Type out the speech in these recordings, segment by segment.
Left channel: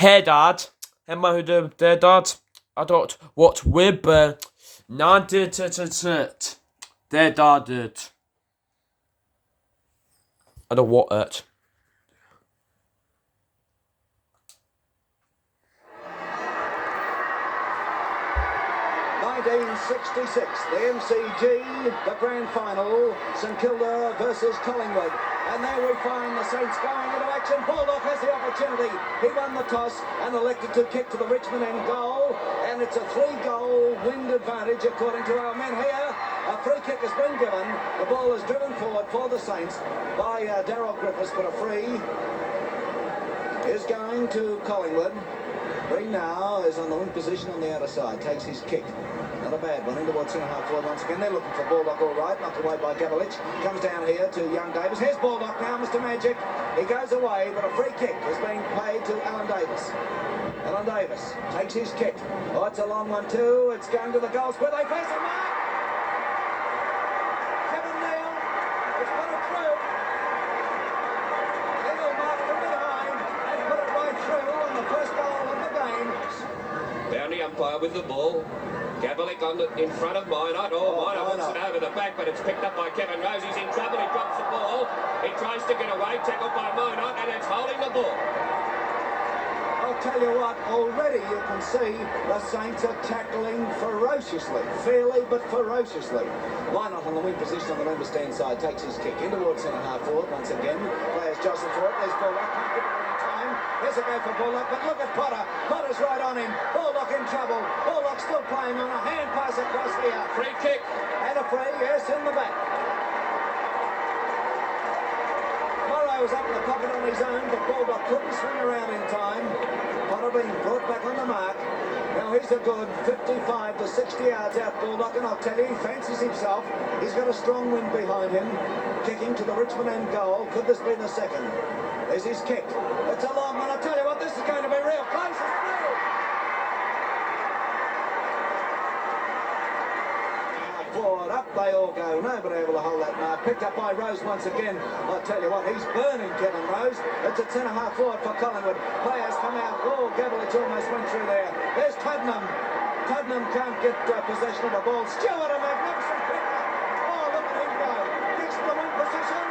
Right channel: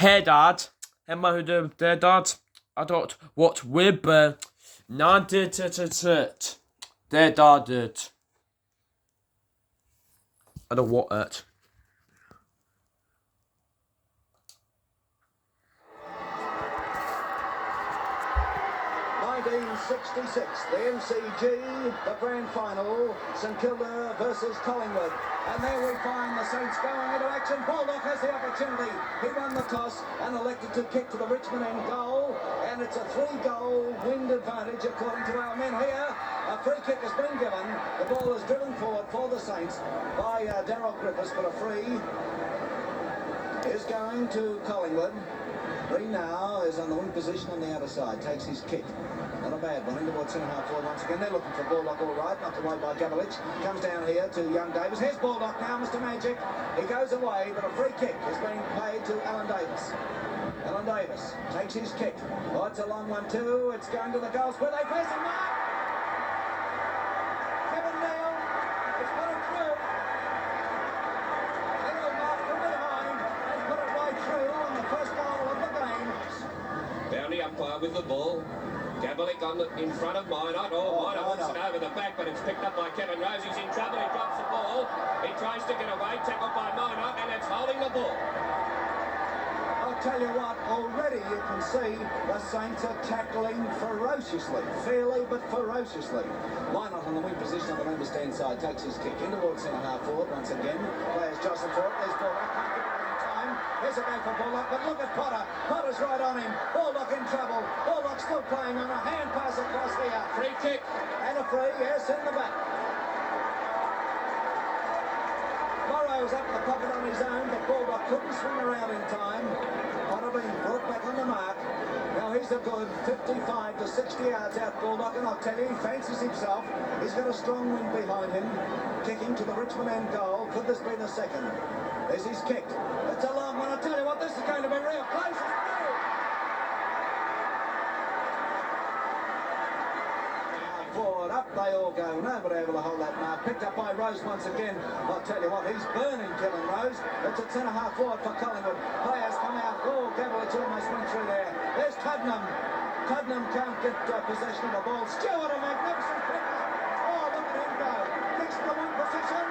Hey Dad, am I there, Dad? I don't what with not did it. There, Dad did. I don't want it. 1966, the MCG, the grand final, St Kilda versus Collingwood. And there we find the Saints going into action. Baldock has the opportunity. He won the toss and elected to kick to the Richmond end goal. And it's a 3-goal wind advantage according to our men here. A free kick has been given. The ball is driven forward for the Saints by Daryl Griffiths, but a free is going to Collingwood. Green now is on the wing position on the outer side, takes his kick. Not a bad one, in towards centre-half forward once again. They're looking for Baldock all right, knocked away by Gavlich. Comes down here to young Davis. Here's Baldock now, Mr Magic. He goes away, but a free kick is being played to Alan Davis. Alan Davis takes his kick. Oh, it's a long one too. It's going to the goal square. They face him, Mark! Kevin Neal, it's put it through. Neal marked from behind and put it right through on the first goal of the game. Down the umpire with the ball. Gavlich in front of Minot. Minot wants it over the back, but it's picked up by Kevin Rose. He's in trouble. He drops the ball. He tries to get away. Tackled by Minot, and it's holding the ball. I'll tell you what, already you can see the Saints are tackling ferociously. Fairly, but ferociously. Minot on the wing position on the member stand side takes his kick in towards centre-half forward once again. Players jostle for it. There's Baldock. Can't get it in time. Here's a go for Baldock, but look at Potter. Potter's right on him. Baldock in trouble. Baldock still playing on a hand pass across here. Free kick. And a free, yes, in the back. Morrow's up in the pocket on his own, but Baldock couldn't swing around in time. Potter being brought back on the mark. Now he's a good 55 to 60 yards out, Baldock, and I'll tell you, he fancies himself. He's got a strong wind behind him. Kicking to the Richmond end goal. Could this be the second? There's his kick. It's a long one. I tell you what, this is going to be real close. It's real. Forward, up they all go. Nobody able to hold that mark. Picked up by Rose once again. I'll tell you what, he's burning Kevin Rose. It's a centre-half forward for Collingwood. Players come out. Oh, Gavlich almost went through there. There's Tuddenham. Tuddenham can't get possession of the ball. Stewart, a magnificent pick. Oh, look at him go. Kicks to the wing position.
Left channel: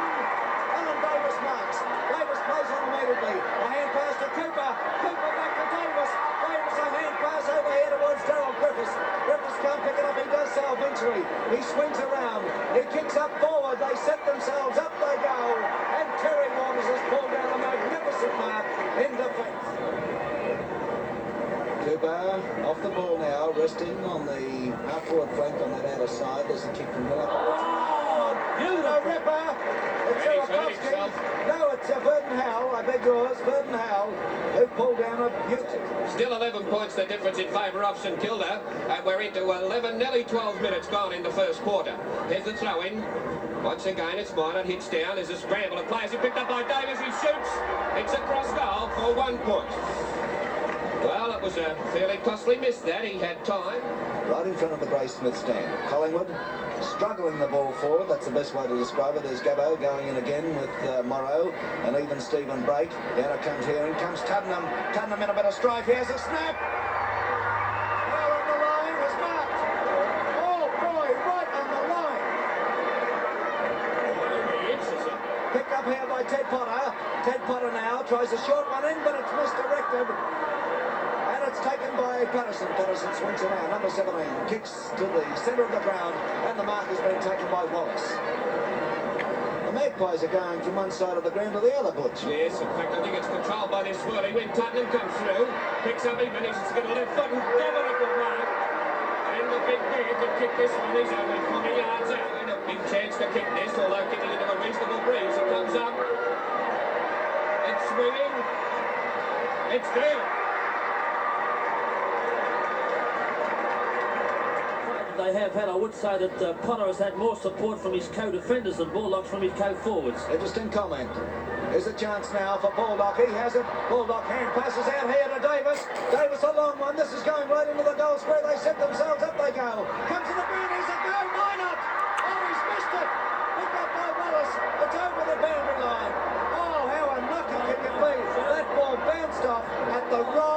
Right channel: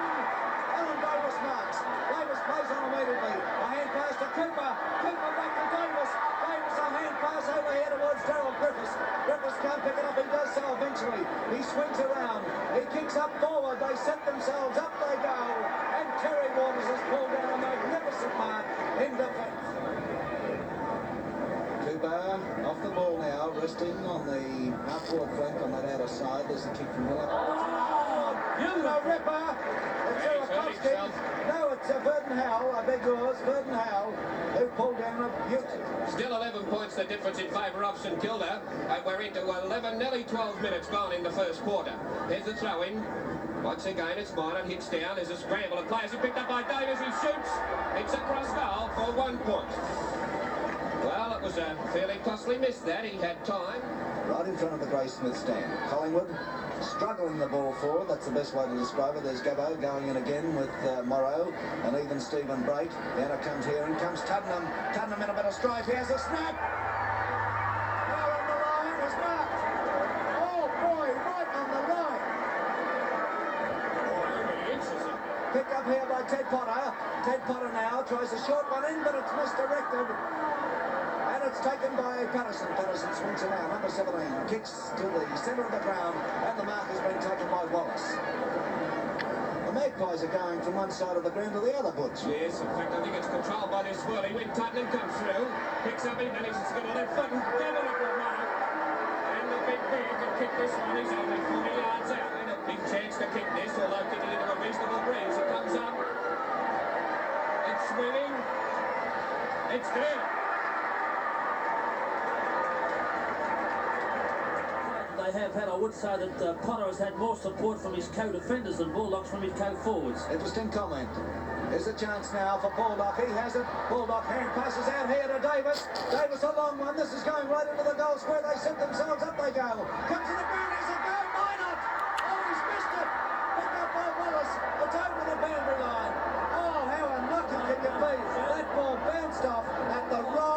Alan Davis marks. Davis plays on immediately. A hand pass to Cooper. Cooper back to Davis. Davis a hand pass over here towards Daryl Griffiths. Griffiths can't pick it up. He does so eventually. He swings around. He kicks up forward. They set themselves. Up they go. And Terry Waters has pulled down a magnificent mark in defence. Cooper off the ball now, resting on the half-forward flank on that outer side. There's a kick from Miller. Oh, beautiful ripper! It's no, it's Verdon Howell, I beg yours, Verdon Howell, who pulled down a beauty. Still 11 points the difference in favour of St Kilda, and we're into 11, nearly 12 minutes gone in the first quarter. Here's the throw-in. Once again, it's Minot, hits down. There's a scramble of players. He picked up by Davis. He shoots. It's a cross goal for 1 point. Well, it was a fairly costly miss that. He had time. Right in front of the Graysmith stand. Collingwood struggling the ball forward. That's the best way to describe it. There's Gabbo going in again with Morrow and even Stephen Brake. Down it comes here. In comes Tuddenham. Tuddenham in a bit of strife. Here's a snap. Oh, on the line was marked. Oh, boy, right on the line. Picked up here by Ted Potter. Ted Potter now tries a short one in, but it's misdirected. And it's taken by Patterson. Patterson swings around. Number 17 kicks to the centre of the ground, and the mark has been taken by Wallace. The Magpies are going from one side of the ground to the other, Butch. Yes, in fact, I think it's controlled by this swirly. When Tuddenham comes through, picks up, he manages to get a left foot and Gavlich will mark. And the big bear can kick this one. He's only 40 yards out. And a big chance to kick this, although kicking into a reasonable breeze. It comes up. It's swinging. It's there. They have had, I would say that Potter has had more support from his co-defenders than Baldock from his co-forwards. Interesting comment. There's a chance now for Baldock. He has it. Baldock hand passes out here to Davis. Davis a long one. This is going right into the goal square. They set themselves. Up they go. Comes to the boundaries. A go. Minot. Oh, he's missed it. Picked up by Wallace. It's over the boundary line. Oh, how unlucky can you be? That ball bounced off at the right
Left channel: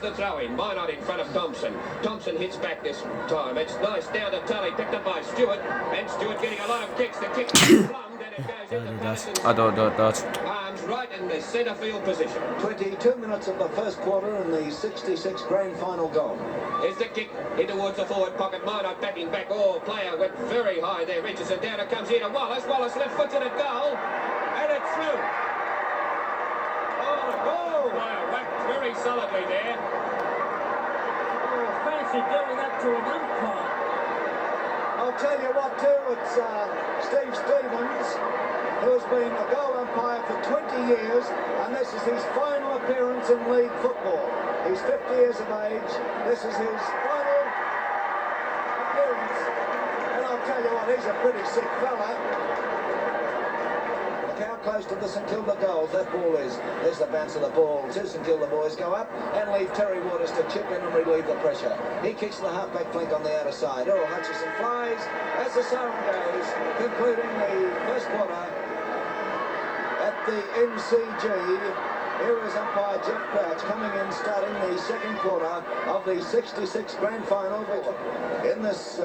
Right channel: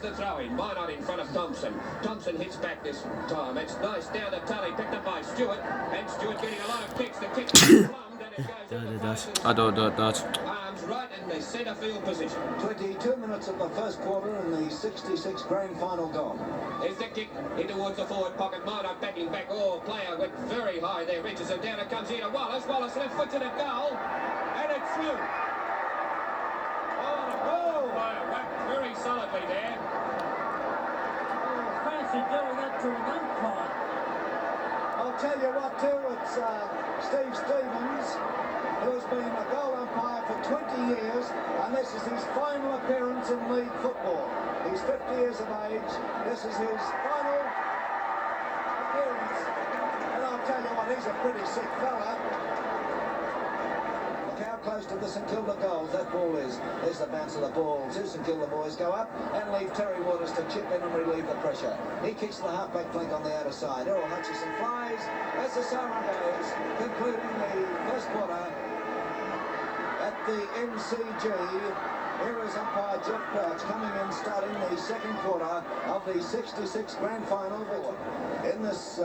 Here's the throw-in. Minot in front of Thompson. Thompson hits back this time. It's nice down to Tully, picked up by Stewart. And Stewart getting a lot of kicks. The kick is plumbed and it goes into Patterson's arms right in the centre field position. 22 minutes of the first quarter in the 66 grand final gone. Here's the kick in towards the forward pocket. Minot backing back. Oh, player went very high there. Reaches and down it comes here to Wallace. Wallace left foot to the goal. And it's through. Oh, player whacked very solidly there. Oh, fancy doing that to an umpire. I'll tell you what too, it's Steve Stevens, who has been a goal umpire for 20 years, and this is his final appearance in league football. He's 50 years of age. This is his final appearance. And I'll tell you what, he's a pretty sick fella. Look how close to the St Kilda goals that ball is. There's the bounce of the ball. Two St Kilda boys go up and leave Terry Waters to chip in and relieve the pressure. He kicks the half-back flank on the outer side. Earl Hutchison flies as the siren goes, concluding the first quarter at the MCG. Here is umpire Jeff Crouch coming in, starting the second quarter of the 66 grand final. In this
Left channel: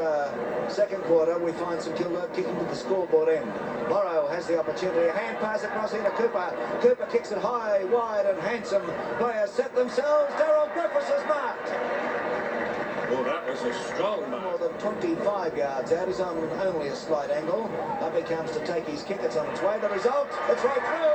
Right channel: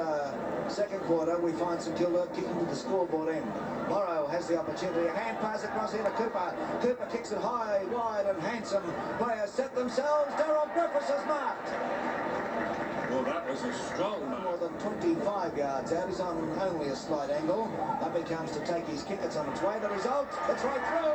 second quarter, we find St Kilda kicking to the scoreboard end. Morrow has the opportunity. A hand pass across here to Cooper. Cooper kicks it high, wide, and handsome. Players set themselves. Daryl Griffiths is marked. Well, that was a strong mark. More than 25 yards out. He's on only a slight angle. Up he comes to take his kick. It's on its way. The result, it's right through.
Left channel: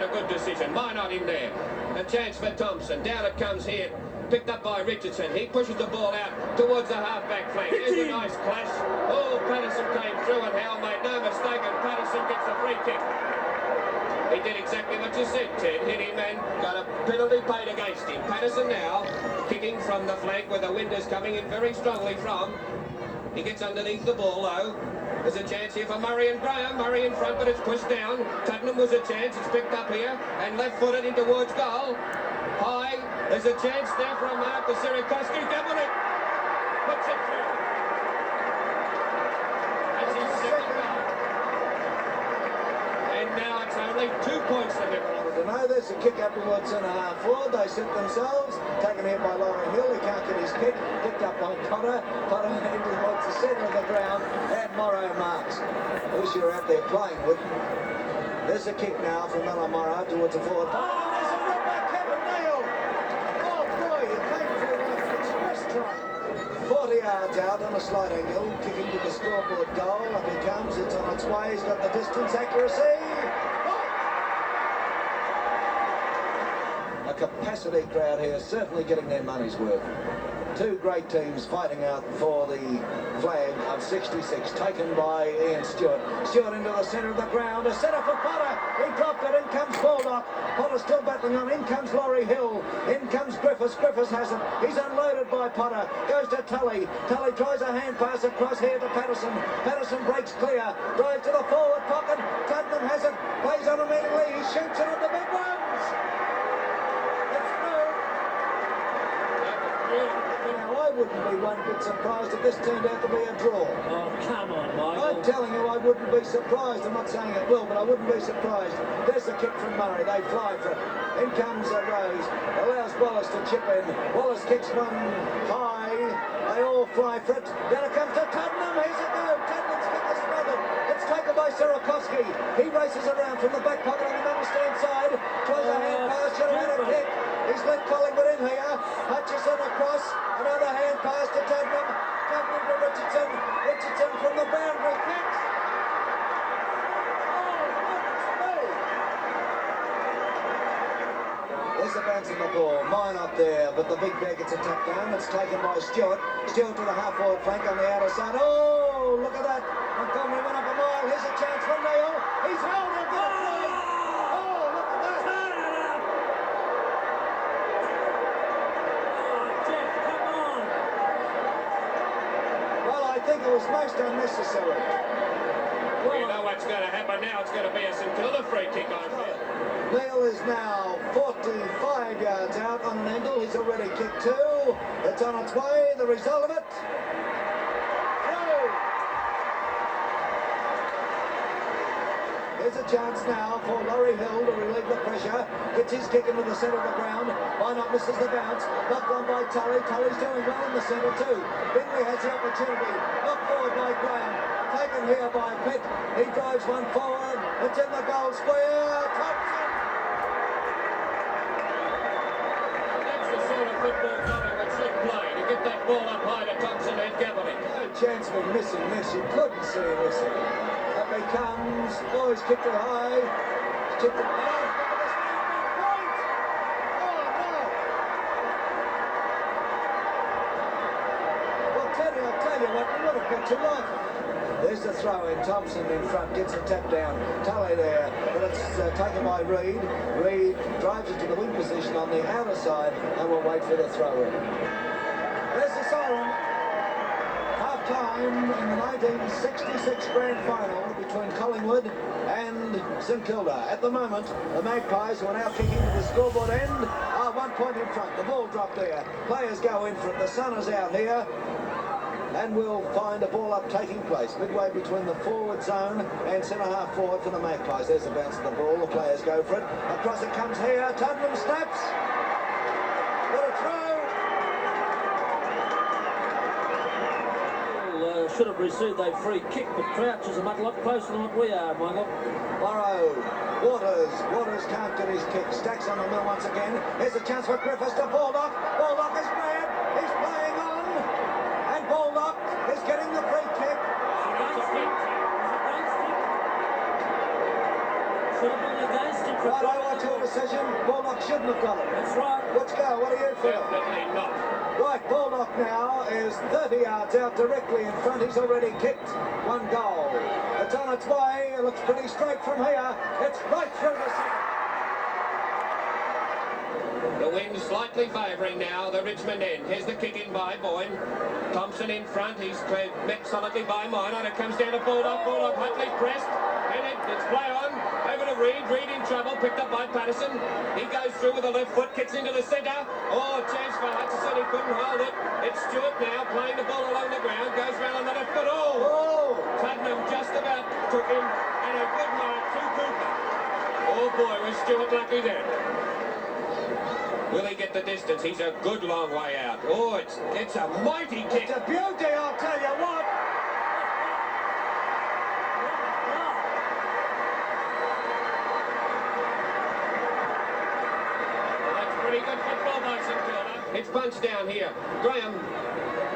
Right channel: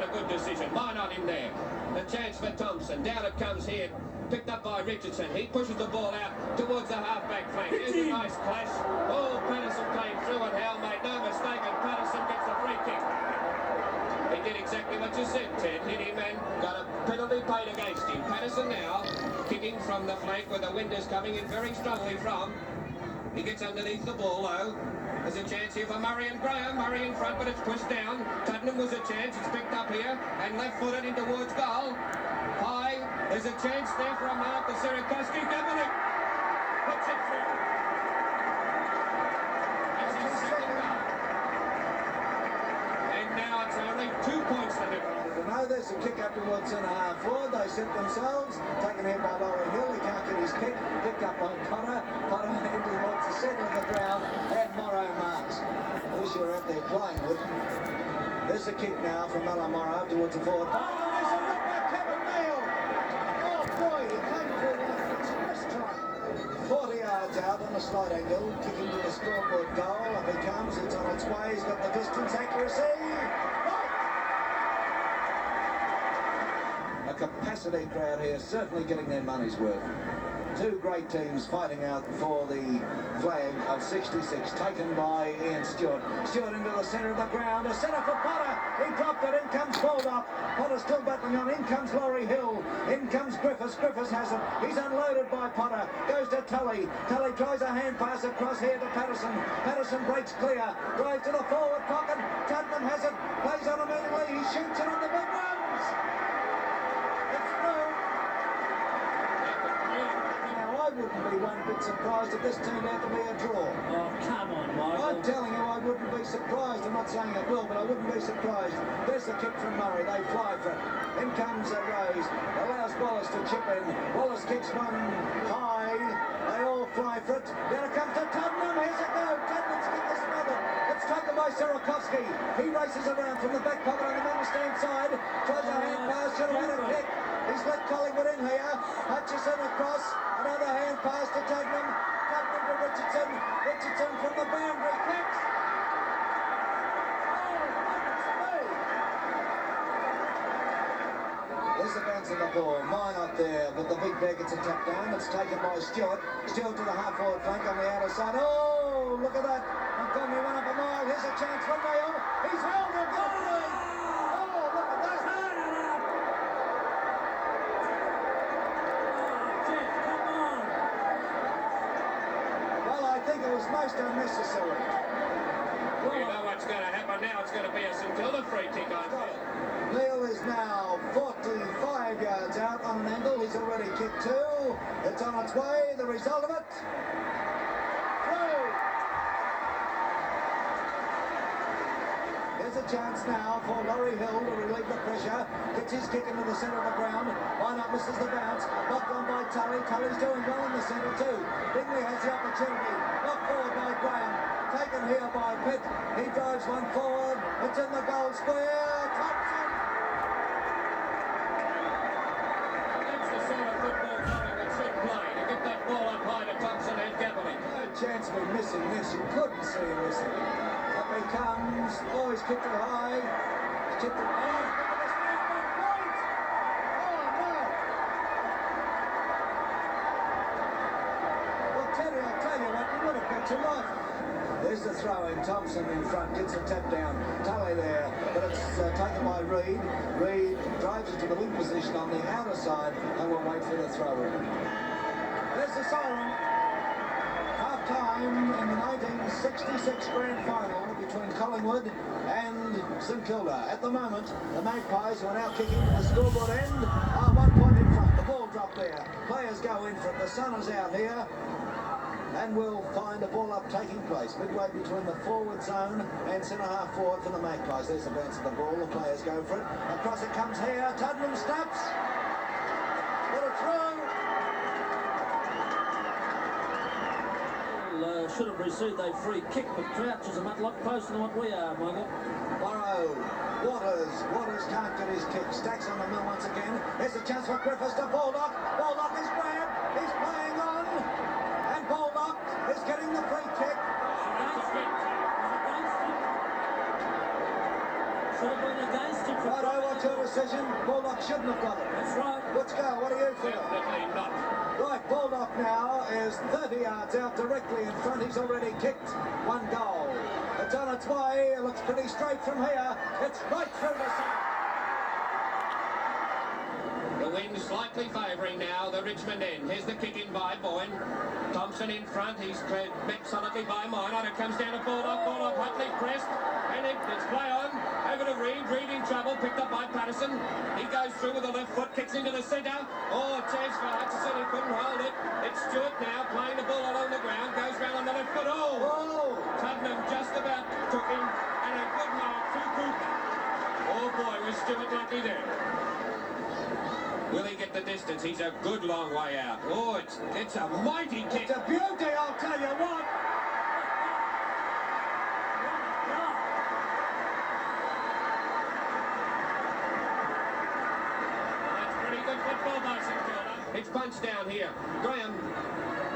A good decision. Minot in there. A chance for Thompson. Down it comes here. Picked up by Richardson. He pushes the ball out towards the half-back flank. Here's a nice clash. Oh, Patterson came through and Hal made no mistake, and Patterson gets a free kick. He did exactly what you said, Ted. Hit him and got a penalty paid against him. Patterson now kicking from the flank where the wind is coming in very strongly from. He gets underneath the ball though. There's a chance here for Murray and Graham. Murray in front, but it's pushed down. Tuddenham was a chance. It's picked up here and left-footed in towards goal. High. There's a chance there for a mark to Sierakowski. Doubling. Puts it through. That's his second goal. And now it's only 2 points for him. No, there's a kick up towards centre half forward. They set themselves. Taken here by Laurie Hill. He can't get his kick. Picked up by Potter. Potter in towards the centre of the ground. And Morrow marks. Who's you're out there playing with. There's a kick now from Mella Morrow towards the forward. Oh, there's a run by Kevin Neal. Oh boy, he came through like an express train. 40 yards out on a slight angle. Kicking to the scoreboard goal. Up he comes. It's on its way. He's got the distance accuracy. Capacity crowd here, certainly getting their money's worth. Two great teams fighting out for the flag of 66, taken by Ian Stewart. Stewart into the centre of the ground, a centre for Potter. He dropped it, in comes Baldock. Potter still battling on, in comes Laurie Hill. In comes Griffiths, Griffiths has it. He's unloaded by Potter, goes to Tully. Tully tries a hand pass across here to Patterson. Patterson breaks clear, drives to the forward pocket. Tuddenham has it, plays on immediately. He shoots it on the big ones. Now, I wouldn't be one bit surprised if this turned out to be a draw. Oh, come on, Michael. I'm telling you, I wouldn't be surprised. I'm not saying it will, but I wouldn't be surprised. There's the kick from Murray. They fly for it. In comes Rose. Allows Wallace to chip in. Wallace kicks one high. They all fly for it. Then it comes to Tuddenham. Here's it go. Tuddenham's kick is smothered. It's taken by Sierakowski. He races around from the back pocket on the middle stand side. Tries a hand pass. Should have had a kick. He's let Collingwood in here. Hutchison across. Another hand pass to Tuddenham. Tuddenham to Richardson. Richardson from the boundary kicks. There's the bounce of the ball. Mine up there, but the big bear gets a tap down. It's taken by Stewart. Stewart to the half-forward flank on the outer side. Oh, look at that. Montgomery went up a mile. Here's a chance for Neil. He's held him. Oh, look at that. I think it was most unnecessary. Well, you know what's going to happen now. It's going to be a St Kilda free kick, I feel. Neil is now 45 yards out on an angle. He's already kicked two. It's on its way. The result of it. Through. Here's a chance now for Laurie Hill to relieve the pressure. Gets his kick into the centre of the ground. Why not misses the bounce? Knocked on by Tully. Tully's doing well in the centre too. Bingley has the opportunity. Knocked forward by Graham. Taken here by Pitt. He drives one forward. It's in the goal square. Thompson. That's the sort of football Collingwood should play, to get that ball up high to Thompson and Gavely. No chance of him missing this. You couldn't see him missing. Up he comes. Oh, he's kicked it high. He's kicked it high. I'll tell you what, you would have got to life. There's the throw in. Thompson in front, gets the tap down. Tully there, but it's taken by Reid. Reid drives it to the wing position on the outer side and will wait for the throw in. There's the siren. Half time in the 1966 grand final between Collingwood and St Kilda. At the moment, the Magpies, who are now kicking to the scoreboard end, are 1 point in front. The ball dropped there. Players go in front. The sun is out here. And we'll find a ball up taking place midway between the forward zone and centre half forward for the Magpies. There's the bounce of the ball. The players go for it. Across it comes here. Tuddenham snaps. What a throw. Should have received a free kick, but Crouch is a lot closer than what we are, Michael. Burrow. Waters can't get his kick. Stacks on the mill once again. Here's a chance for Griffiths to Baldock. Baldock is grabbed. He's playing on. And Baldock is getting the free kick. Should have been against him. Right, I watch your decision. Baldock shouldn't have got it. That's right. Let's go. What do you feel? Definitely not. Right, Baldock now is 30 yards out directly in front. He's already kicked one goal. It's on its way. It looks pretty straight from here. It's right through the centre. The wind slightly favouring now the Richmond end. Here's the kick in by Boyne. Thompson in front. He's met solidly by Minor. It comes down to Baldock. Baldock Hutley pressed. And it's play on. Over to Reid. Reid in trouble. Picked up by Patterson. He goes through with the left foot. Kicks into the centre. Oh, chance for Hutchison. He couldn't hold it. It's Stewart now playing the ball along the ground. Goes round on the left foot. Oh! Tuddenham just about took him. And a good mark to Cooper. Oh boy, was Stewart lucky there. Will he get the distance? He's a good long way out. Oh, it's a mighty kick. It's a beauty, I'll tell you what. That's pretty good football by St Kilda. It's punched down here. Graham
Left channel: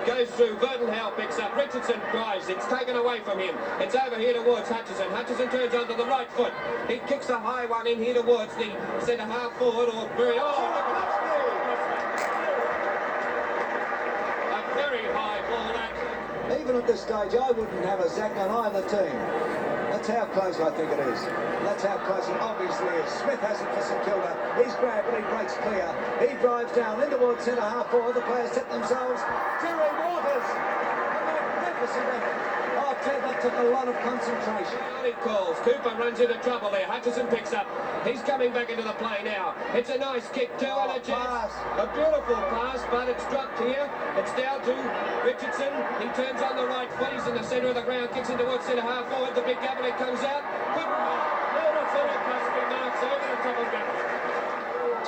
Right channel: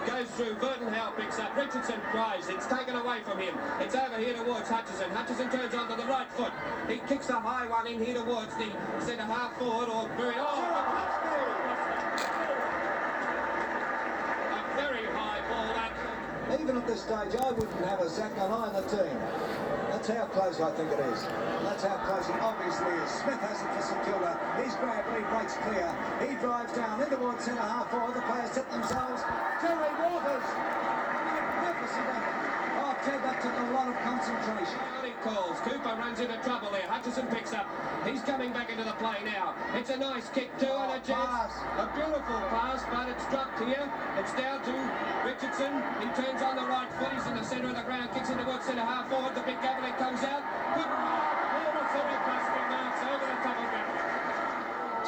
goes through. Burton Howe picks up. Richardson drives. It's taken away from him. It's over here towards Hutchison. Hutchison turns onto the right foot. He kicks a high one in here towards the centre half forward or very... Very high ball that. Even at this stage, I wouldn't have a sack on either team. That's how close I think it is. That's how close it obviously is. Smith has it for St Kilda. He's grabbed, but he breaks clear. He drives down in towards centre half forward. The players set themselves. Terry Waters. A magnificent effort. Oh, Ted, that took a lot of concentration. He calls. Cooper runs into trouble there. Hutchison picks up. He's coming back into the play now. It's a nice kick too, and a chance. A beautiful pass, but it's dropped here. It's down to Richardson. He turns on the right foot. He's in the centre of the ground. Kicks into towards centre half forward. The big Gavely comes out. Good mark. Beautiful across the marks over the top of Gavely.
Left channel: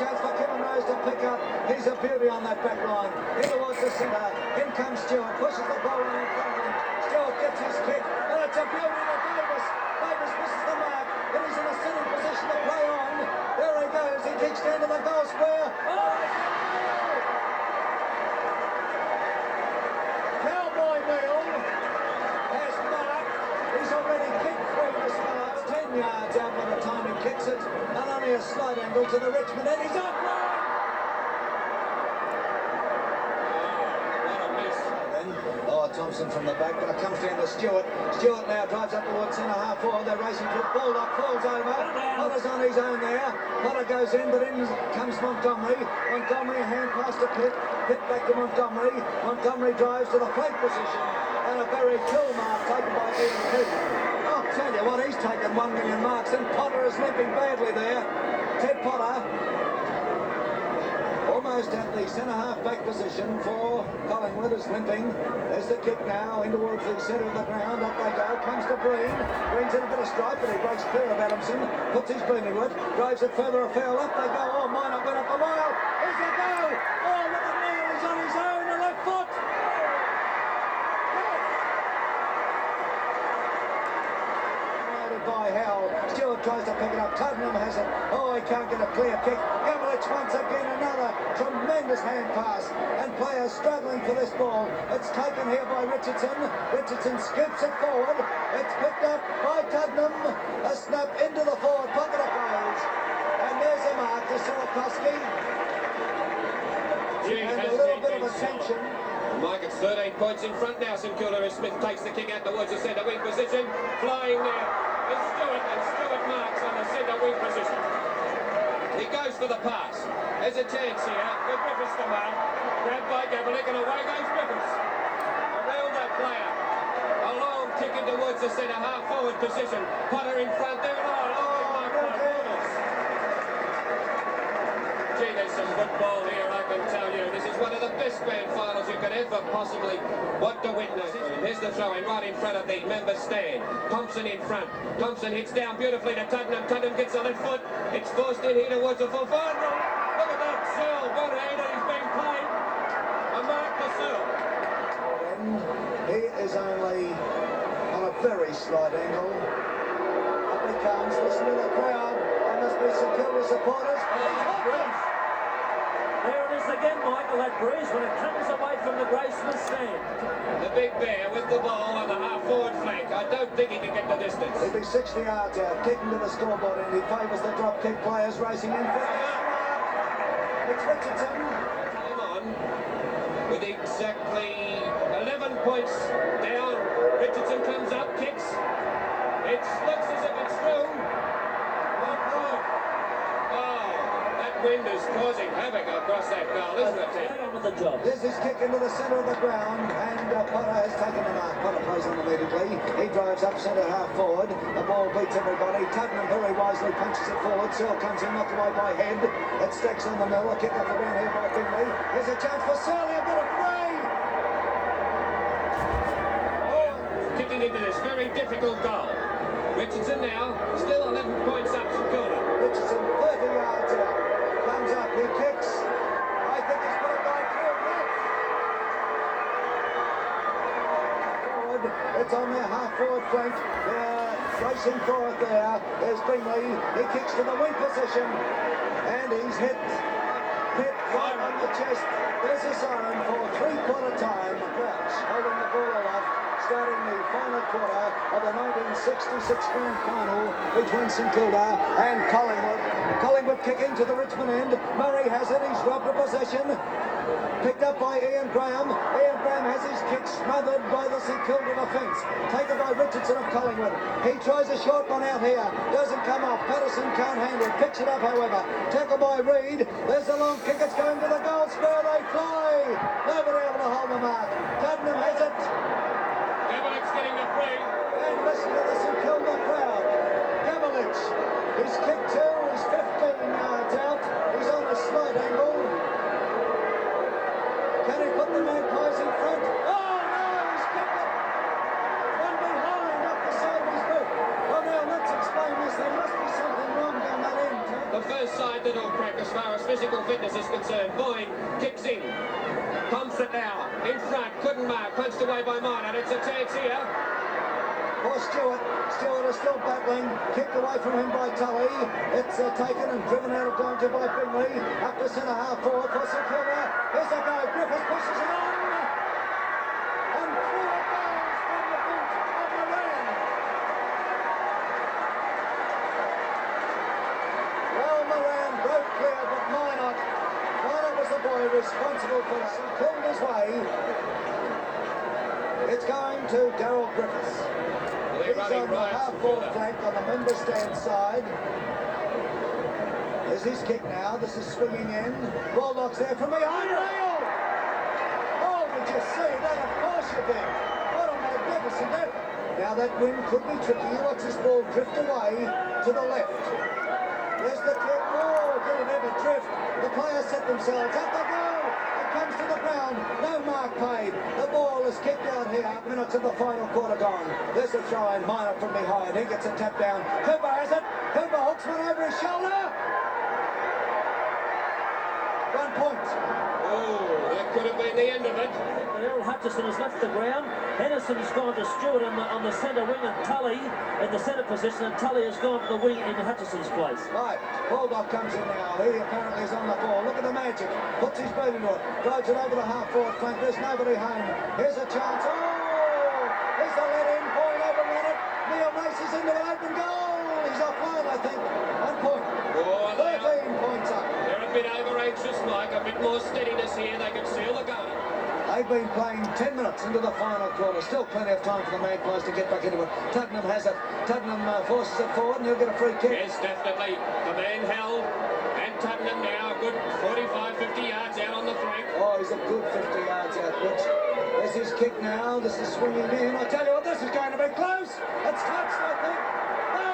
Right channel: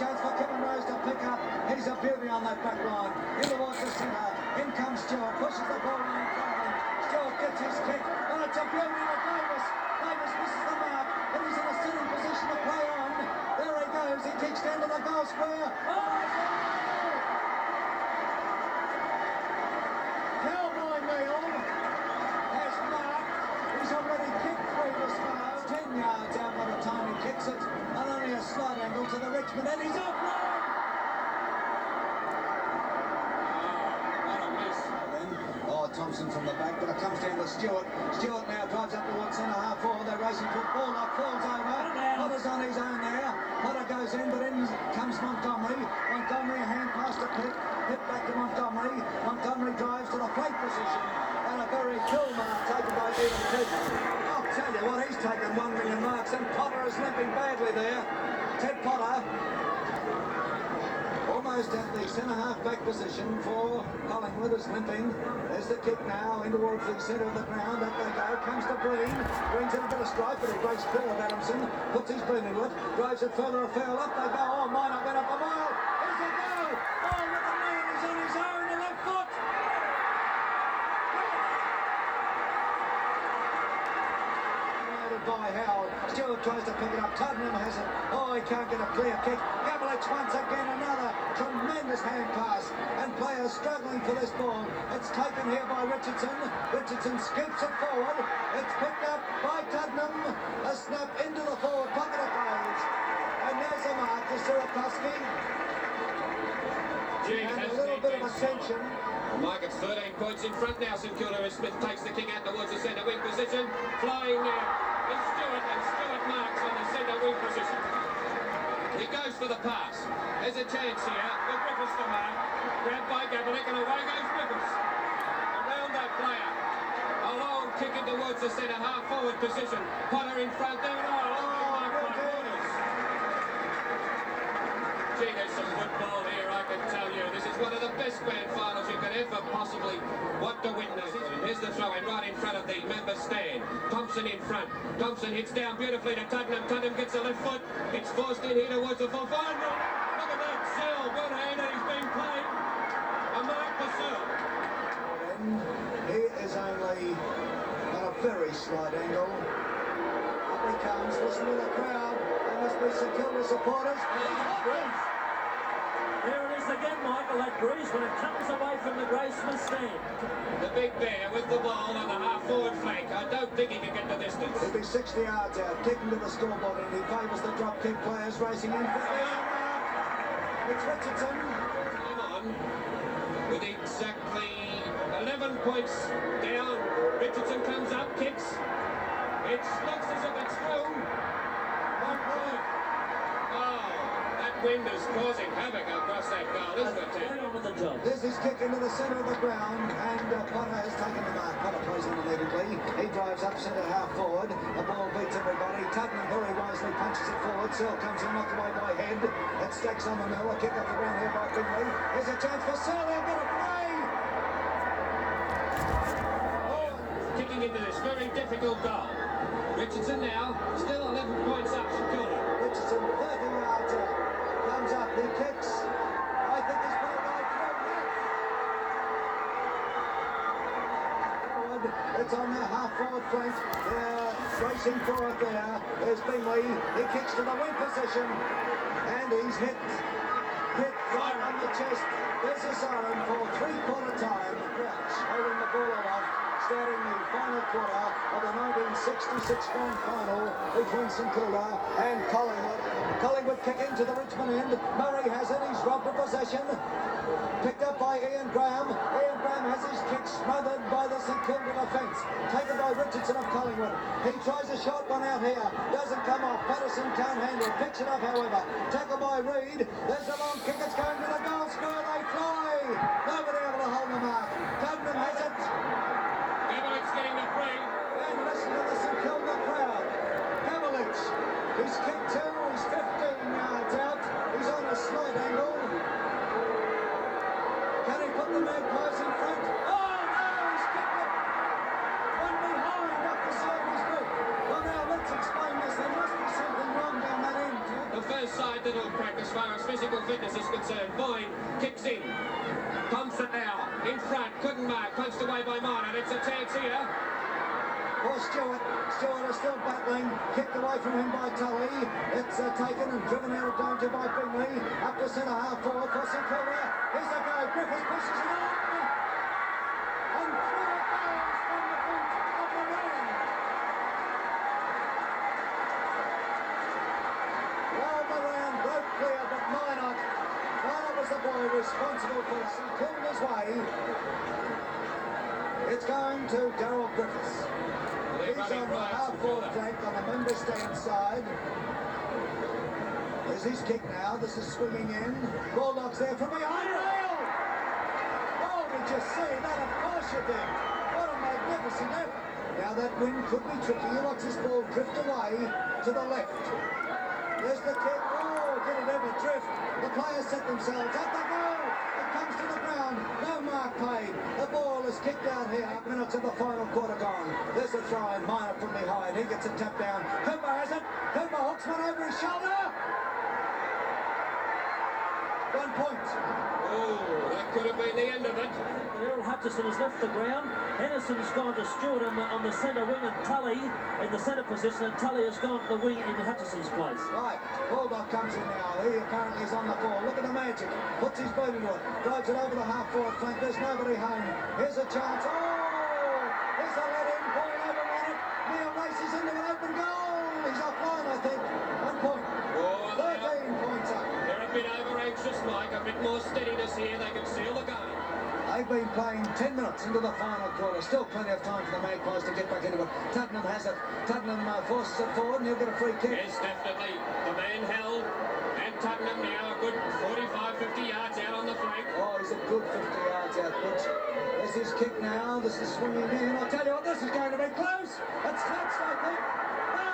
Chance for Kevin Rose to pick up. He's a beauty on that back line. In towards the centre. In comes Stewart. Pushes the ball in front of him. Stewart gets his kick. And it's a beauty to Davis. Davis misses the mark. And he's in a sitting position to play on. There he goes. He kicks down to the goal square. Cowboy Neal has marked. He's already kicked through the spars. 10 yards out by the time he kicks it. And only a slight angle to the Richmond end. He's up. Thompson from the back, but it comes down to Stewart. Stewart now drives up towards centre half forward. They're racing for it. Baldock falls over. Potter's on his own there. Potter goes in, but in comes Montgomery. Montgomery, a hand pass to Pitt. Pitt back to Montgomery. Montgomery drives to the flank position. And a very kill mark taken by Ian Pitt. I'll tell you what, he's taken 1 million marks, and Potter is limping badly there. Ted Potter. almost at the centre-half back position for Collingwood is limping. There's the kick now in towards the centre of the ground. Up they go. Comes to Breen. Breen's in a bit of strife, but he breaks clear of Adamson. Puts his booming with. Drives it further afield. Up they go. Oh, Minot went up a mile. Here's the go. Oh, look at Neil. He's on his own. The left foot. By Howell. Stewart tries to pick it up. Tottenham has it. Oh, he can't get a clear kick. Gabelich once again another tremendous hand pass. And players struggling for this ball. It's taken here by Richardson. Richardson skips it forward. It's picked up by Tottenham. A snap into the forward pocket of goes. And there's a mark to Sierakowski. And a little bit of attention. Mike, it's 13 points in front now. St Kilda as Smith takes the kick out towards the centre wing position. Flying now. It's Stewart, and Stewart marks on the centre wing position. He goes for the pass. There's a chance here for Griffiths to mark. Grabbed by Gabelich, and away goes Griffiths. Around that player. A long kick in towards the centre half forward position. Potter in front there. Oh, lovely mark by Borders. Gee, there's some football here, I can tell you. This is one of the best grand finals you could ever possibly want to witness. Here's the throw in right in front of the members' stand. Thompson in front. Thompson hits down beautifully to Tottenham. Tottenham gets the left foot. It's forced in here towards the full forward. Look at that, Searle. One-hander, he's been played. A mark for Searle. He is only on a very slight angle. Up he comes. Listen to the crowd. There must be St Kilda supporters. There it is again, Michael, that breeze when it comes away from the Graceman stand. The big bear with the ball on the half-forward flank. I don't think he can get the distance. He'll be 60 yards out, kicking to the scoreboard, and he favours the drop kick players racing in for it's Richardson. Come on. With exactly 11 points down. Richardson comes up, kicks. It looks as if it's through. 1 point. Oh, that wind is causing havoc across that goal, isn't it, Tim? Right on with the job. There's his kick into the centre of the ground, and Potter has taken the mark. Potter plays on immediately. He drives up centre half forward. The ball beats everybody. Tottenham very wisely punches it forward. Searle comes in, knocked away by Head. It stacks on the middle. A kick off the ground here by Bingley. There's a chance for Searle. He'll get it free. Kicking into this very difficult goal. Richardson now, still 11 points up to Kilda. Richardson 30 yards out. Comes up. He kicks. I think he's put it by through. Forward. It's on their half-forward flank. They're racing for it there. There's Bingley. He kicks to the wing position. And he's hit right on the chest. There's a siren for three-quarter time. Crouch holding the ball aloft, starting the final quarter of the 1966 grand final between St Kilda and Collingwood. Collingwood kick into the Richmond end. Murray has it. He's robbed of possession. Picked up by Ian Graham. Ian Graham has his kick smothered by the St Kilda defence. Taken by Richardson of Collingwood. He tries a short one out here. Doesn't come off. Patterson can't handle it. Picks it up, however. Tackle by Reid. There's a long kick. It's going to the goal square. They fly. Nobody able to hold the mark. Tottenham has it. Gabelich's getting the free. And listen to the St Kilda crowd. Gabelich. He's kicked two. He's 15 yards out. He's on a slight angle. Can he put the Magpies in front? Oh no, he's kicked it. One behind up the side of his boot. Well now let's explain this. There must be something wrong down that end. The first side that will crack as far as physical fitness is concerned. Boyne kicks in. Thompson now in front. Couldn't mark. Punched away by Minot. It's a chance here. For Stewart. Stewart is still battling. Kicked away from him by Tully. It's taken and driven out of danger by Bingley. Up to centre half forward for St Kilda. Here's a go. Griffiths pushes it on. And through it goes from the boot of Moran. Well, Moran broke clear, but Minot was the boy responsible for St Kilda's way. It's going to Daryl Griffiths. He's on the half-forward flank on the member stand side. There's his kick now. This is swinging in. Bulldogs there from behind. Nail! Oh, did you see that? Of course you did. What a magnificent effort. Now that wind could be tricky. Watch this ball drift away to the left. There's the kick. Oh, did it ever drift. The players set themselves at the goal. It comes to the ground. No mark paid. The ball is kicked out here. Minutes of the final quarter gone. There's a throw in. Minor from behind. He gets a tap down. Cooper has it. Cooper hooks one over his shoulder. 1 point. Oh, that could have been the end of it. Errol Hutchison has left the ground. Henderson's gone to Stewart on the centre wing, and Tully in the centre position, and Tully has gone to the wing in Hutchison's place. Right, Baldock comes in now. He apparently is on the ball. Look at the magic. Puts his boot into it. Drives it over the half-forward flank. There's nobody home. Here's a chance. Oh! There's a let-in. Boyle overrun it. Neil races into an open goal. He's offline, I think. 1 point. Oh, 13 points up. they're a bit over-anxious, Mike. A bit more steadiness here. They can seal the game. They've been playing 10 minutes into the final quarter. Still plenty of time for the Magpies to get back into it. Tottenham has it. Tottenham forces it forward and he'll get a free kick. Yes, definitely. The man held. And Tottenham now a good 45, 50 yards out on the flank. Oh, he's a good 50 yards out, Butch. There's his kick now. This is swinging in. I tell you what, this is going to be close. It's touched, I think. No!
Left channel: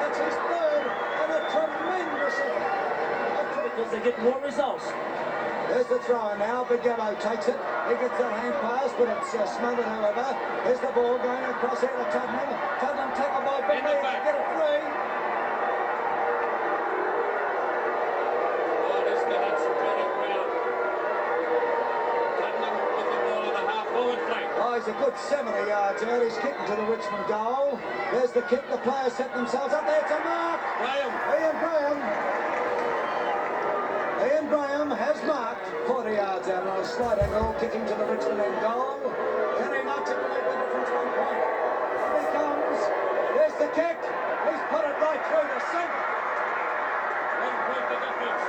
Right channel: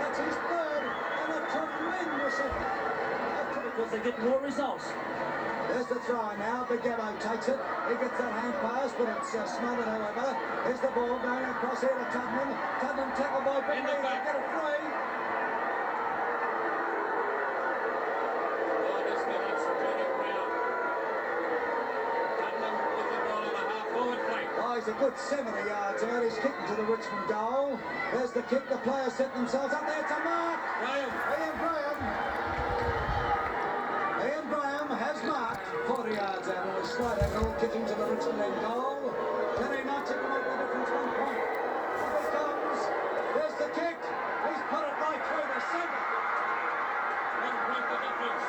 That's his third and a tremendous effort. Because they get more results. There's the throw now. Big Gabbo takes it. He gets that hand pass, but it's smothered, however. Here's the ball going across here to Tottenham. Tottenham tackled by Big In the to back. get it free. Oh, this minute's running round. Tottenham with the ball in the half-forward flank. Oh, he's a good 70 yards out. He's kicking to the Richmond goal. There's the kick. The players set themselves up there. It's a mark. Graham. Ian Graham has marked 40 yards out on a slight angle, kicking to the Richmond end goal. Can he not to make the difference? 1 point. Here he comes. There's the kick. He's put it right through the centre. 1 point the difference.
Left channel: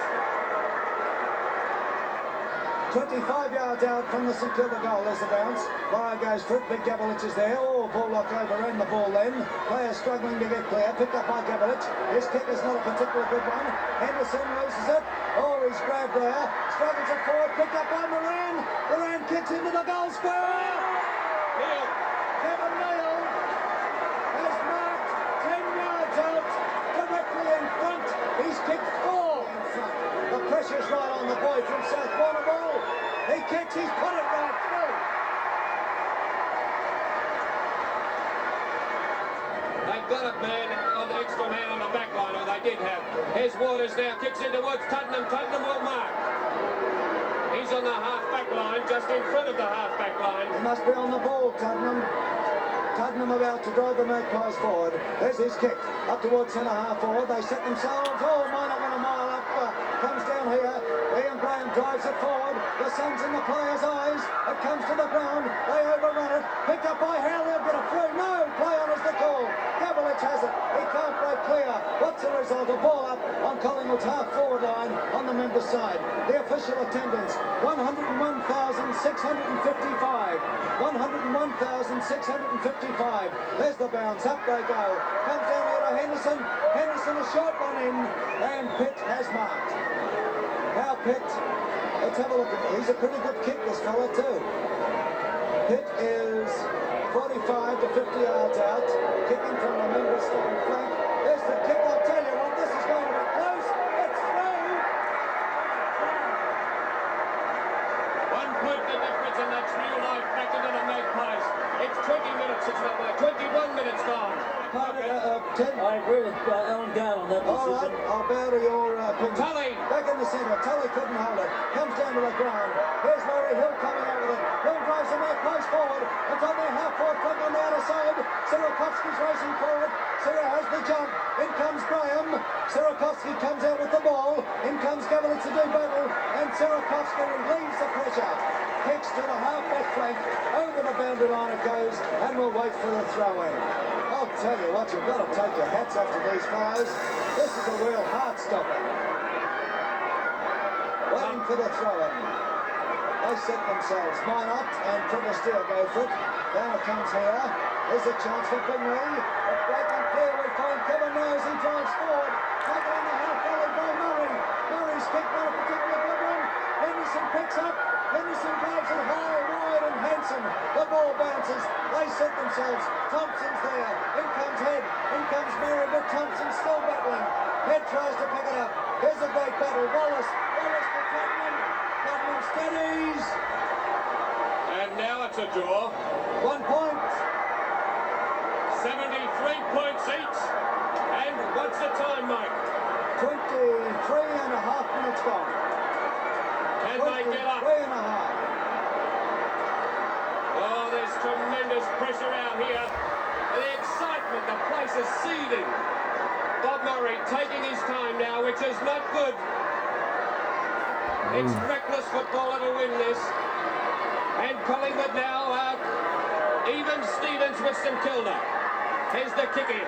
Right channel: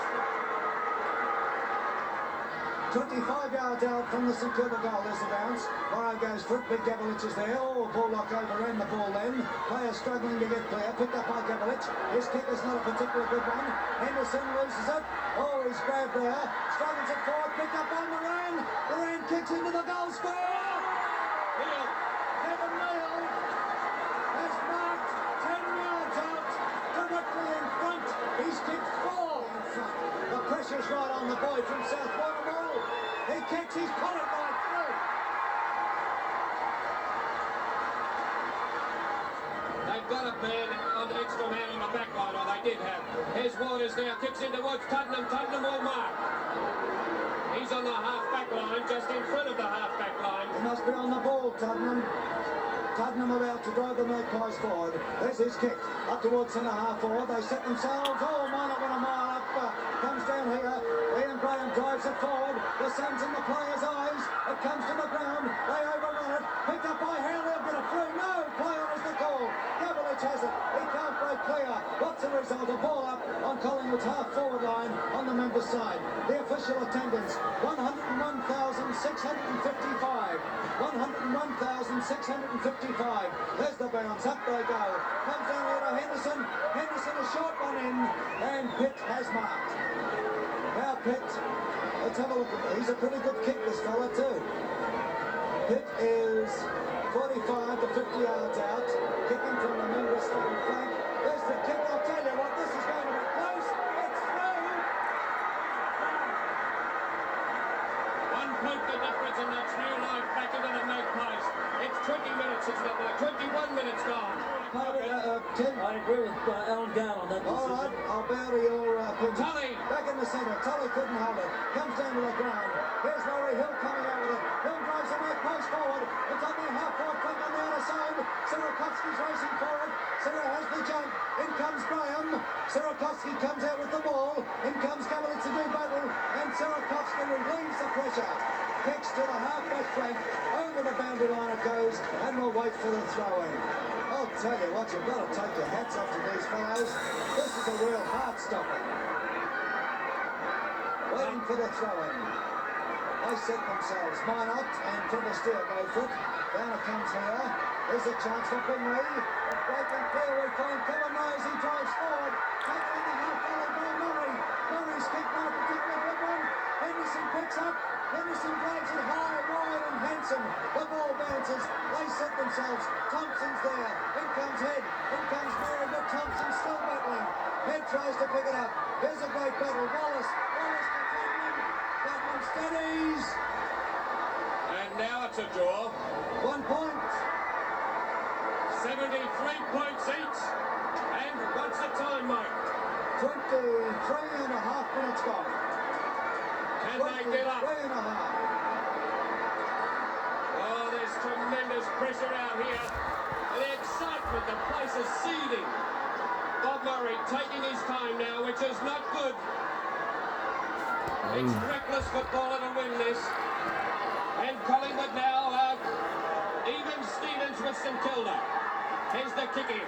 25 yards out from the St Kilda goal. There's the bounce. Morrow goes for it. Big Gavlich is there. Oh, Baldock overran the ball then. Players struggling to get clear. Picked up by Gavlich. His kick is not a particular good one. Henderson loses it. Oh, he's grabbed there. Struggles it forward. Picked up by Moran. Moran kicks into the goal square. Neil. Kevin Neal has marked 10 yards out. Directly in front. He's kicked 4 in front. The pressure's right on the boy from South Warrnambool. He kicks. He's put it right through. They've got a man, an extra man on the back line, or they did have. Here's Waters now, kicks in towards Tottenham. Tottenham will mark. He's on the half-back line, just in front of the half-back line. He must be on the ball, Tottenham. Tottenham about to drive the Magpies forward. There's his kick. Up towards centre half forward. They set themselves. Oh, Minor went a mile up. Comes down here. Ian Graham drives it forward. The sun's in the players' eyes. It comes to the ground. They overrun it. Picked up by Hale. They'll get a through. No. Play on is the call. Gavlich has it. He can't break clear. What's the result? A ball up on Collingwood's half-forward line on the members' side. The official attendance, 101,655. 101,655. There's the bounce. Up they go. Comes down here to Henderson. Henderson a short one in. And Pitt has marked. Now Pitt, let's have a look at it. He's a pretty good kick, this fella too. Pitt is 45 to 50 yards out. Kicking from the members' second flank. There's the kick. I'll tell you what, this is going to be close. It's through. 1 point the difference, and that's new life back into the Magpies. It's 20 minutes, it's not like 21 minutes gone. 10. I agree with Alan Gale on that All decision. right, I'll bow to your opinion. Tully. Back in the centre. Tully couldn't hold it. Comes down to the ground. Here's Murray Hill coming out with it. Hill drives the Magpies forward. It's on their half-forward flank on the outer side. Sirakovsky's racing forward. Sira has the jump. In comes Graham. Sirakovsky comes out with the ball. In comes Gavlich to do battle. And Sirakovsky relieves the pressure. Kicks to the half-back flank. Over the boundary line it goes. And we'll wait for the throw-in. I'll tell you what, you've got to take your hats off to these fellows. This is a real heart stopper. Waiting for the throw-in. They set themselves. Minot and Trevor Steele go for it. Down it comes here. There's a chance for Bingley. A break and clear. We find Kevin Rose. He drives forward. Taken in the half volley by Murray. Murray's kick not a particular good one. Henderson picks up. Henderson drives it high, wide and handsome. The ball bounces. They set themselves. Thompson's there. In comes Head. In comes Murray, but Thompson's still battling. Head tries to pick it up. Here's a great battle. Wallace to Tottenham. Tottenham steadies. And now it's a draw. 1 point. 73 points each. And what's the time, Mike? 23.5 minutes gone. Can they get up? 23.5. Oh, there's tremendous pressure out here. The excitement, the place is seething. Bob Murray taking his time now, which is not good. It's reckless footballer to win this. And Collingwood now even Stevens with St Kilda. Here's the kick in.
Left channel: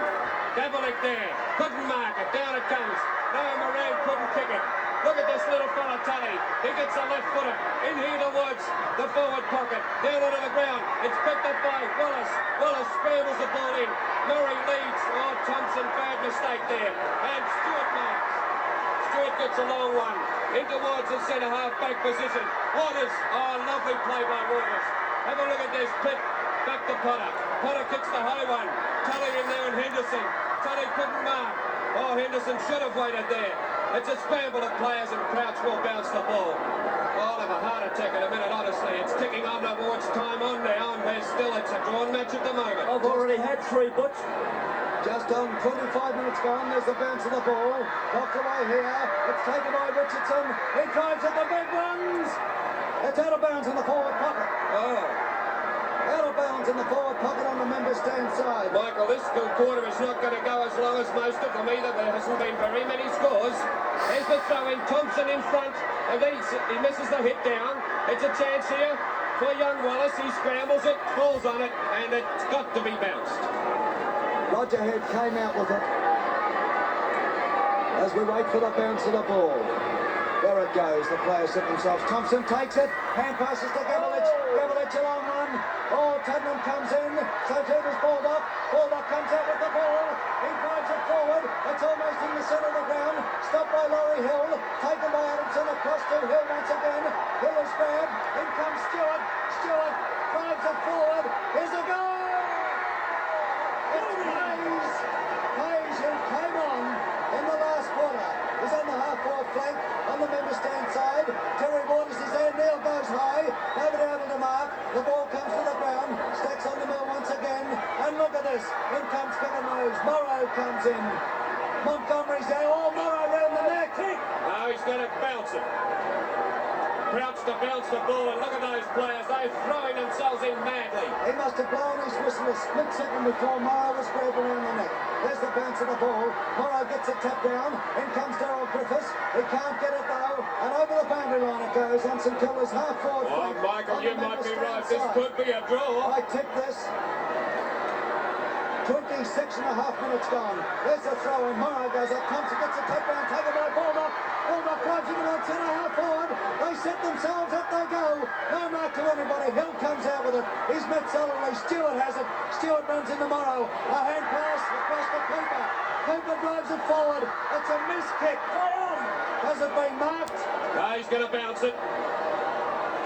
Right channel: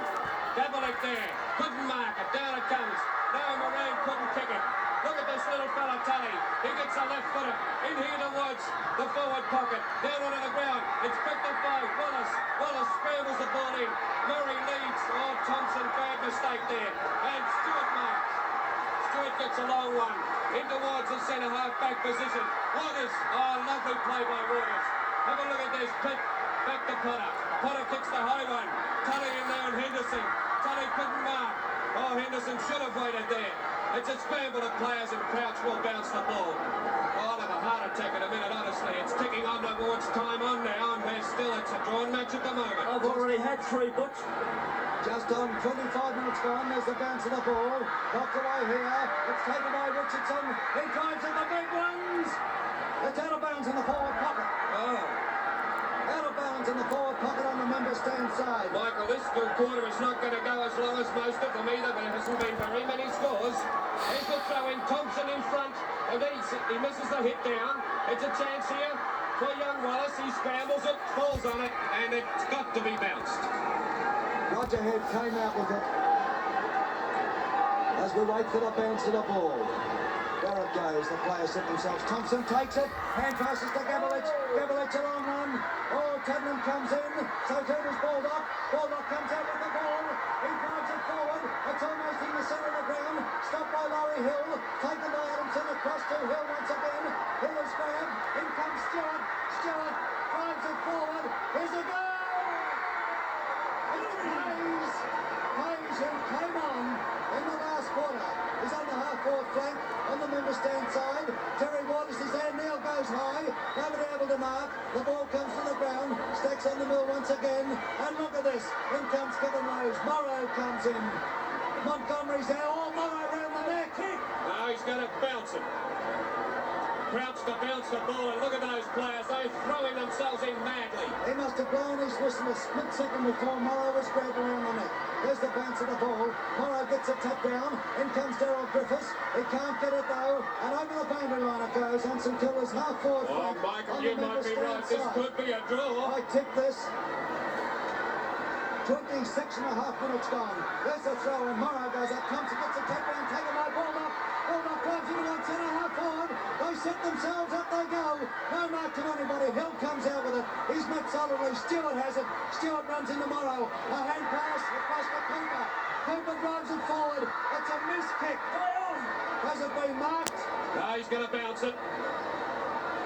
Gavalik there. Couldn't mark it. Down it comes. Now Moran couldn't kick it. Look at this little fella, Tully. He gets a left footer. In here towards the forward pocket. Down onto the ground. It's picked up by Wallace. Wallace scrambles the ball in. Murray leads. Oh, Thompson, bad mistake there. And Stewart marks. Stewart gets a long one. In towards the centre half back position. Waters. Oh, lovely play by Waters. Have a look at this. Pitt back to Potter. Potter kicks the high one. Tully in there and Henderson. Tully couldn't mark. Oh, Henderson should have waited there. It's a scramble of players and Crouch will bounce the ball. I'll have a heart attack in a minute, honestly. It's ticking on towards time on now, and it's a drawn match at the moment. I've already had 3, Butch. Just on 25 minutes gone, there's the bounce of the ball. Knocked away here. It's taken by Richardson. He drives at the big ones. It's out of bounds in the forward pocket. Oh. Out of bounds in the forward pocket on the member stand side. Michael, this quarter is not going to go as long as most of them either. There hasn't been very many scores. Here's the throw in. Thompson in front. And then he misses the hit down. It's a chance here for young Wallace. He scrambles it, falls on it, and it's got to be bounced. Roger Head came out with it. As we wait for the bounce of the ball. There it goes. The players set themselves. Thompson takes it. Hand passes to Gavlich. Gavlich a long run. Oh, Tottenham comes in. So too does Baldock. Baldock comes out with the ball. He drives it forward. It's almost in the centre of the ground. Stopped by Laurie Hill. Taken by Adamson across to Hill once again. Hill is grabbed. In comes Stewart. Stewart drives it forward. Here's a goal! It's Hayes. Hayes who came on in the last quarter. He's on the half-forward flank on the member stand side. Terry Waters is there. Neil goes high. Nobody able to mark. The ball comes to the ground. Stacks on the mill once again. And look at this. In comes Kevin Rose. Morrow comes in. Montgomery's there. Oh, Morrow round the neck. Now he's going to bounce it. Crouch to bounce the ball, and look at those players. They're throwing themselves in madly. He must have blown his whistle a split second before Morrow was grabbed around the neck. There's the bounce of the ball. Morrow gets a tap down. In comes Darryl Griffiths. He can't get it though. And over the boundary line it goes on St Kilda's half-forward Oh, flank. Michael, On you the might member be stand right. This side. could be a draw. I tip this. 26.5 minutes gone. There's the throw in. Morrow goes up. Thompson gets a tap down. Taken by Baldock. Baldock drives into one centre half forward. They set themselves up. They go. No mark to anybody. Hill comes out with it. He's met solidly. Stewart has it. Stewart runs into Morrow. A hand pass across to Cooper. Cooper drives it forward. It's a miss kick. Has it been marked? No, he's going to bounce it.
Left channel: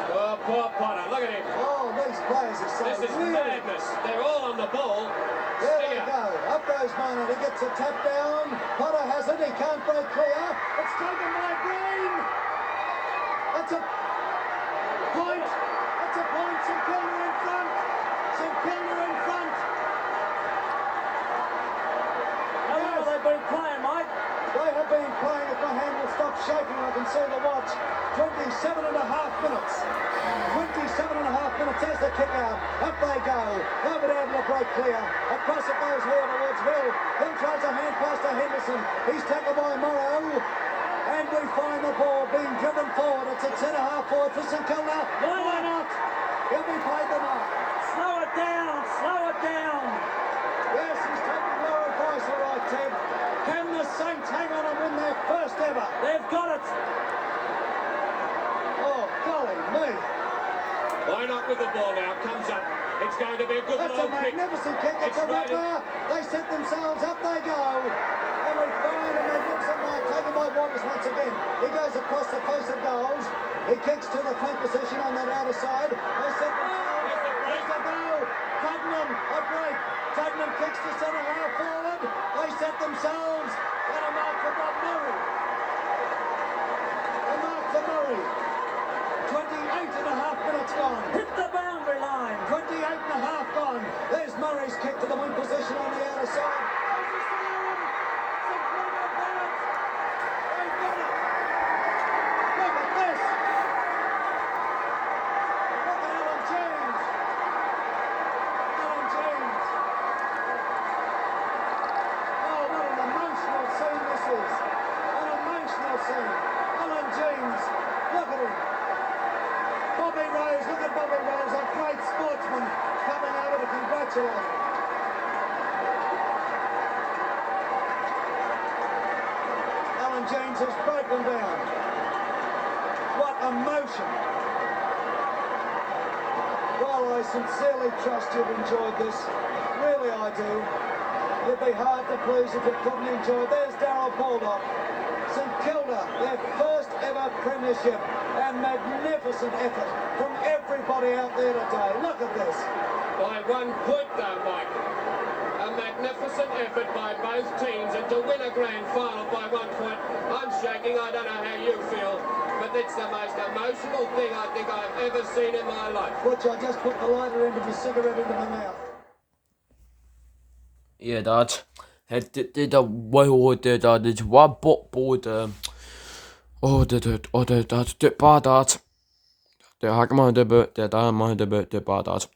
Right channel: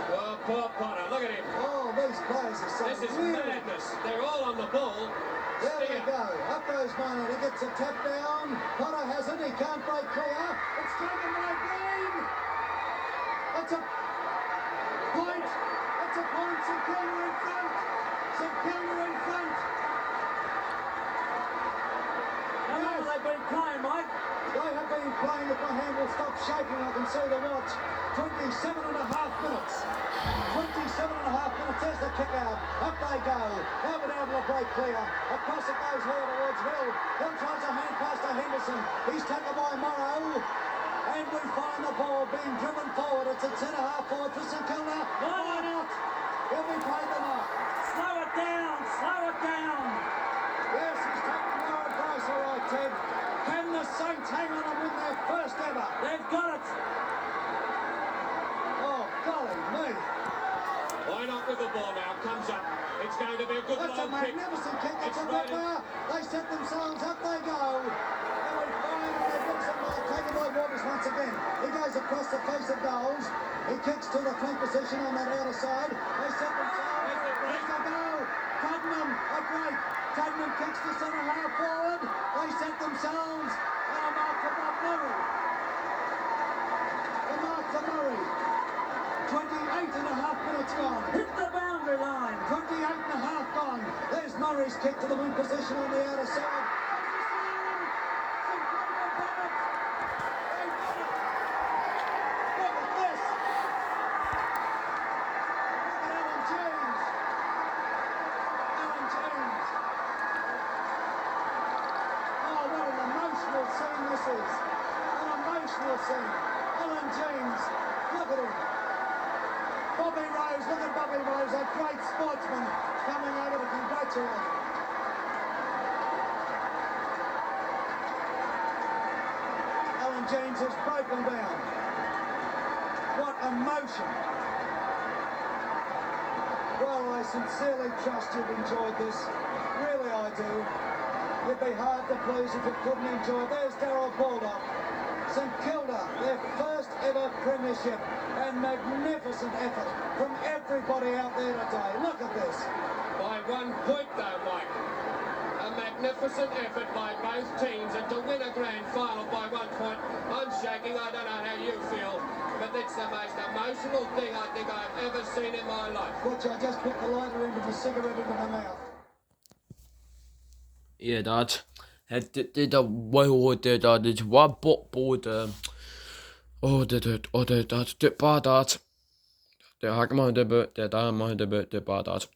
Oh, poor Potter. Look at him. Oh, these players are so This is weird. madness. They're all on the ball. There we Steer. go. Up goes Maynard. He gets a tap down. Potter has it. He can't break clear. It's taken by Green. It's a point. It's a point. St Kilda in front. St Kilda in front. How long have they been playing, Mike? They have been playing. If my hand will stop shaking, I can see the watch. 27.5 minutes. 27.5 minutes. There's the kick out. Up they go. Nobody able to break clear. Across it goes here towards Hill. Hill tries a hand pass to Henderson. He's tackled by Morrow. And we find the ball being driven forward. It's at centre half forward for St Kilda. Why not? He'll be played the mark. Slow it down. Slow it down. Yes, he's taking your advice, all right, Ted. Can the Saints hang on and win their first ever? They've got it. Oh, golly me. Why not with the ball now? Comes up. It's going to be a good That's a low kick. magnificent kick. It's a right in- ripper. They set themselves up. They go. And we find and they looks at that. Taken by Waters once again. He goes across the face of goals. He kicks to the flank position on that outer side. They set themselves. There's the break. There's the goal. Tottenham set themselves. And a mark for Bob Murray. A mark for Murray. 28.5 minutes gone. Hit the boundary line. 28.5 gone. There's Murray's kick to the wing position on the outer side. They've got it. Look at this. Look at Alan James. Alan James. Oh, what an emotional scene this is. An emotional scene. Alan James. Look at him. Bobby Rose, look at Bobby Rose, a great sportsman coming over to congratulate him. Alan James has broken down. What emotion. Well, I sincerely trust you've enjoyed this. Really, I do. You'd be hard to please if you couldn't enjoy it. There's Darryl Baldock. St Kilda, their first ever premiership, and magnificent effort from everybody out there today. Look at this. By 1 point though, Mike. A magnificent effort by both teams, and to win a grand final by 1 point, I'm shaking. I don't know how you feel, but it's the most emotional thing I think I've ever seen in my life. Which I just put the lighter end of the cigarette into my mouth. Yeah, Dad. Det der wow, det der det var både det bare Dad. Det har ikke meget det der er meget det bare Dad.